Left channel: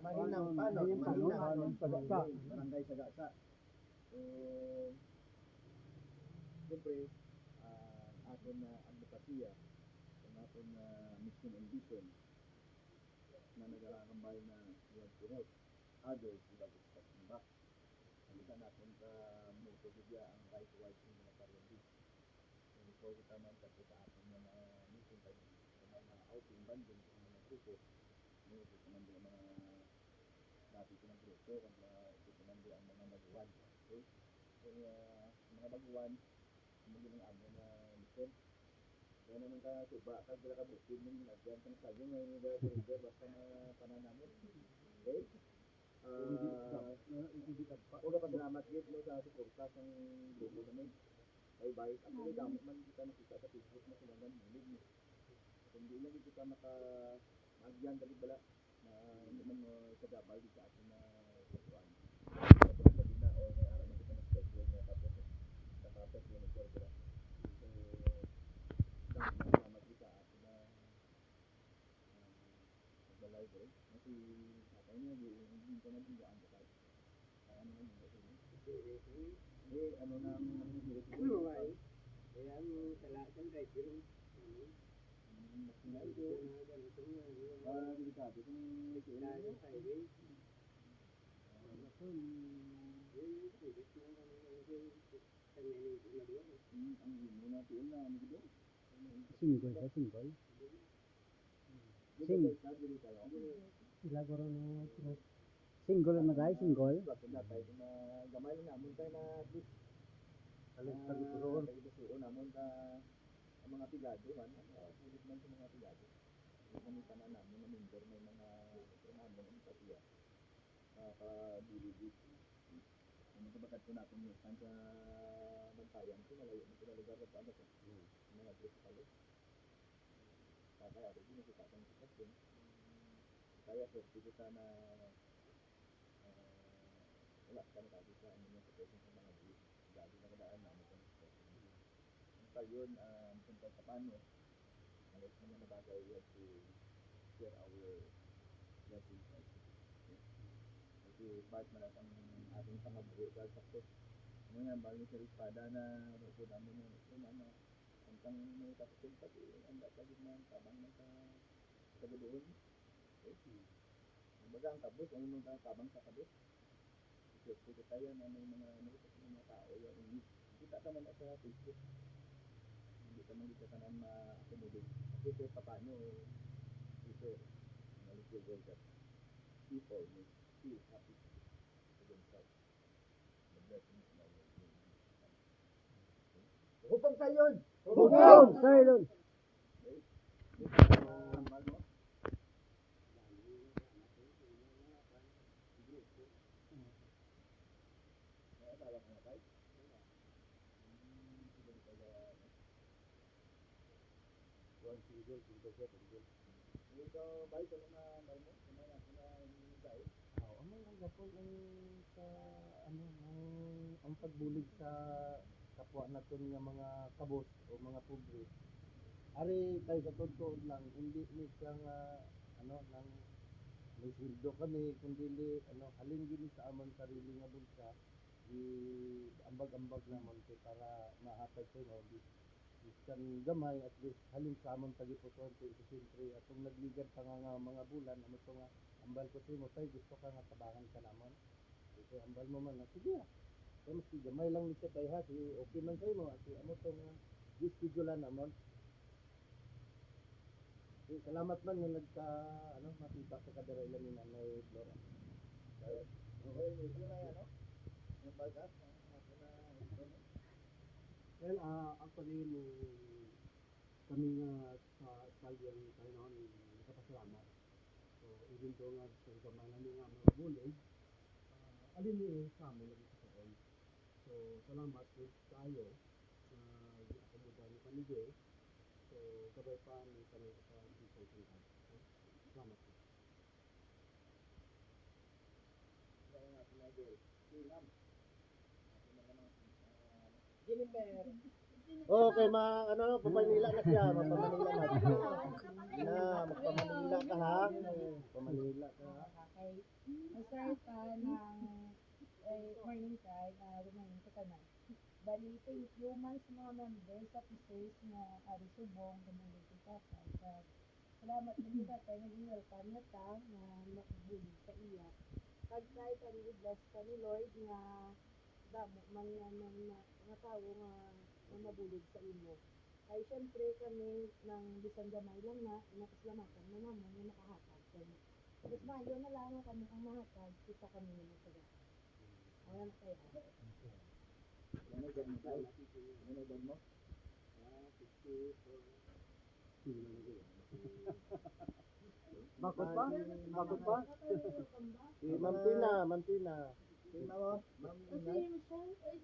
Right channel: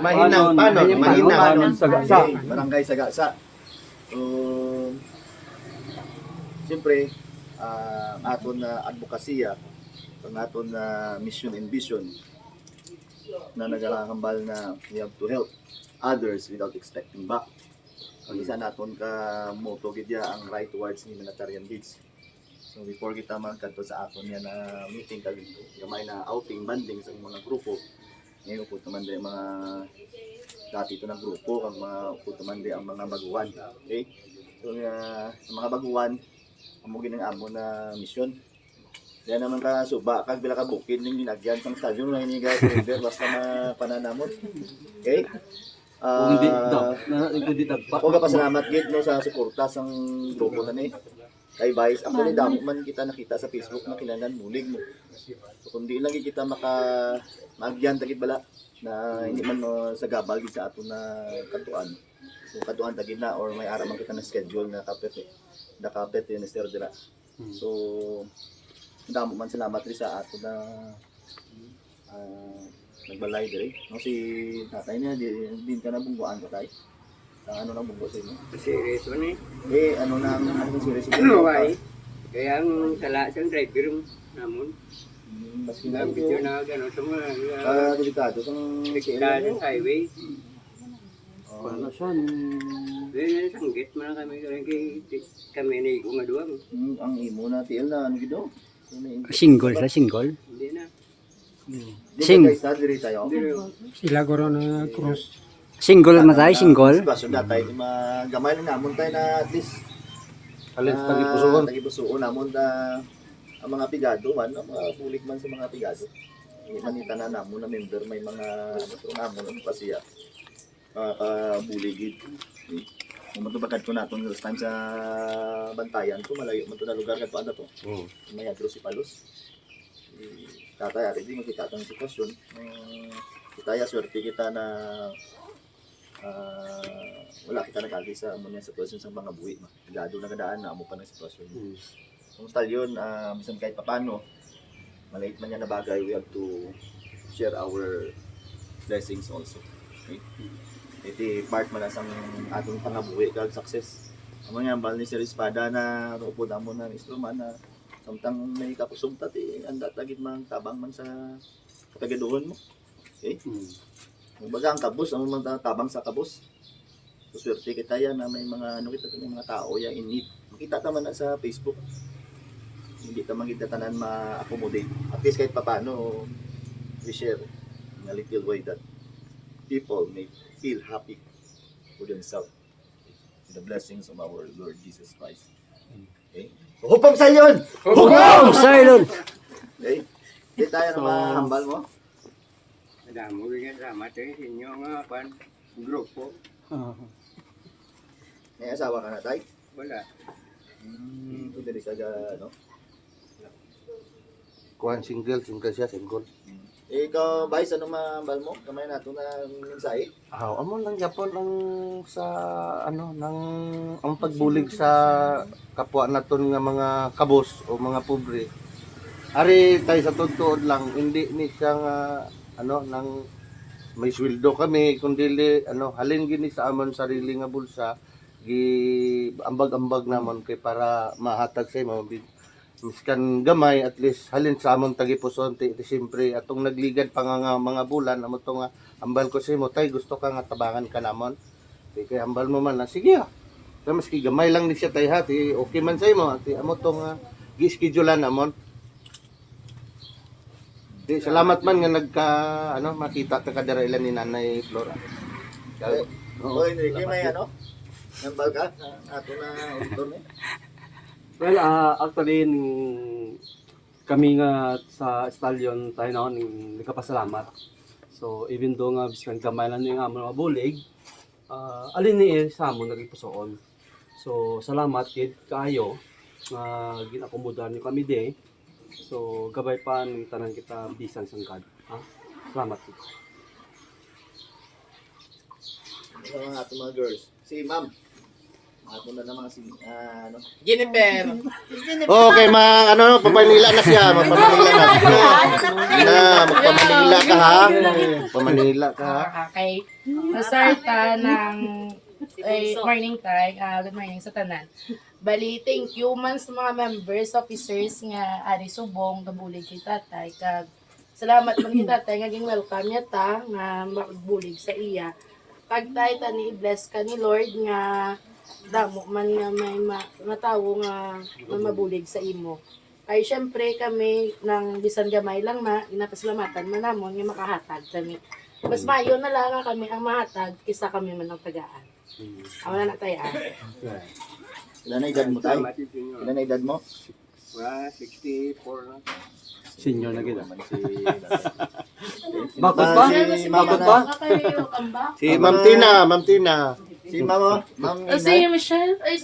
Mahinang panon Sagasa. barangay Sagasa. So siyempre aton na advokasya, ang aton na mission and vision na nagahambal na we have to help others without expecting back. Ang isa naton ka motto gidya ang right towards humanitarian needs. So before kita magkadto sa aton yan na meeting kalito, gamay na outing banding sa mga grupo. Ngayon po naman din mga dati ito ng grupo, ang mga po naman din ang mga baguhan. Okay? So sa mga baguhan, amugin ng amo na mission. Yan naman ka suba, kag bila ka bukid ning ginagyan sang stadium na ini guys, basta pananamot. Okay? Hindi dagpa. Huwag pasalamat gid no sa suporta sang grupo na ni. Kay Vice, actually damo man kita nakita sa Facebook na kinahanglan mulig mo. So kundi lang kita magyan tagid bala na hindi man sa gabal gid sa ato na katuan. So katuan tagid na or may ara man kita na schedule na kapit yun Mr. Dira. So damo man salamat rin sa ato na nagbalay diri. No si tatay niya din ka na bungguan ko tay. Ang ano na bunggo sa inyo? Series man eh. Ano na ang series Ano ay? Kaya ang sala sa driver namun. mas Ang video na gano'n sa mga delikado sang delikado sa highway. Ano siya? Then sanggit man kami kami ni ko nga duwa. ang imo na tiil na ano gido. Single sa single. Hindi na. Sing. Guys, diri tayo. Sila guro na cross. Single matay, single. Sitwasyon datay gamay lang namon tayo na at least Alin tagipusoon. tagipusoon namon na ang mga pigado man, ang mga bulik man sa mga pigado. Hindi man itanan namon na member may mga namon ang pasiya. Buligid. Kung matubagad ko natin last time sa Bantayan to, malayo man to na lugar kadto ano to. May adro si Palos. Tatay ari di makita tang sitwasyon. Kita swerte kita na wala kita nagagi sa amo niya sitwasyon sa mga buhi. Gado na kadaan na amo pa ng sitwasyon. Kung stalyon, bisan kahit papano, maliit man yan na bagay, we have to share our blessings also. Okay? Iti part man sa atong pangabuhi kag success. Amo nga bal ni Sir Espada na upod amo na instrument na samtang may kapusog tati anda tagid man tabang man sa kagaduhon mo. Okay? Kumbaga ang kabus, ang mga tabang sa kabus. So swerte kita yan na may mga ano kita may mga tao yan in need. Makita naman na sa Facebook. Hindi naman kita tanan ma-accommodate. At least kahit paano we share in a little way that people may feel happy for themselves. The blessings of our Lord Jesus Christ. Okay? So, hupong sa yun! Hugong silent. Okay? Hindi tayo na mahambal mo. Damo rin salamat sa inyo nga pan grupo. May asawa ka na, tay? Wala. Ito dili ka ano? Kuan single siya, single. Ikaw, Vice, ano mahambal mo? Kamay nato na mensahe. Amo lang yapon ang sa nang ang pagbulig sa kapwa naton nga mga kabos o mga pobre. Ari tayo sa tuod lang hindi ni siya nga nang may sweldo kami kundi halin gini sa amon sarili nga bulsa gi ambag-ambag namon kay para mahatag sa imo miskan gamay at least halin sa amon tagipuson ti siyempre atong nagligad pa nga mga bulan amo to nga ambal ko sa imo tay gusto ka nga tabangan ka namon kay ambal mo man na sige kay maski gamay lang ni siya tay hati okay man sa imo ti amo to nga gi-schedulean namon. Di salamat man nga nagka makita ta kadira ilan ni Nanay Flora. Oy, Enrique, may ano? Nambal ka? Ato na auditor ni. Well, actually, kami nga sa stallion tayo na nagkapasalamat. So, even though nga biskan gamay lang yung amon mga bulig, alin ni sa amon nagpusoon. So, salamat kid kaayo nga ginakomoda niyo kami di. So, gabay pa ng tanan kita bisan sang God. Salamat kid. Sa mga ato mga girls. Si Ma'am. Ako na naman si ano. Jennifer. Okay, papanila na siya. Magpamanila na. Sige na, magpamanila ka ha. Pamanila ka ha. Okay. Nasarta ng morning time. Good morning sa tanan. Bali, thank you man sa mga members, officers nga ari subong gabulig kay tatay. Kag salamat man kay tatay nga ging welcome niya ta nga magbulig sa iya. Kag tay tani bless ka ni Lord nga damo man nga may matawo nga mabulig sa imo. Ay syempre kami nang bisan gamay lang inapasalamatan man namon nga makahatag kami. Mas mayo na lang nga kami ang mahatag kaysa kami man ang tagaan. Ako na tayo. Ilan na edad mo tayo? Salamat sa inyo. Ilan na edad mo? 64 na. Senior na gid. Naman si Bakit pa? Bakit pa? Si Ma'am Tina. Si Ma'am, Ma'am Si Michelle, ay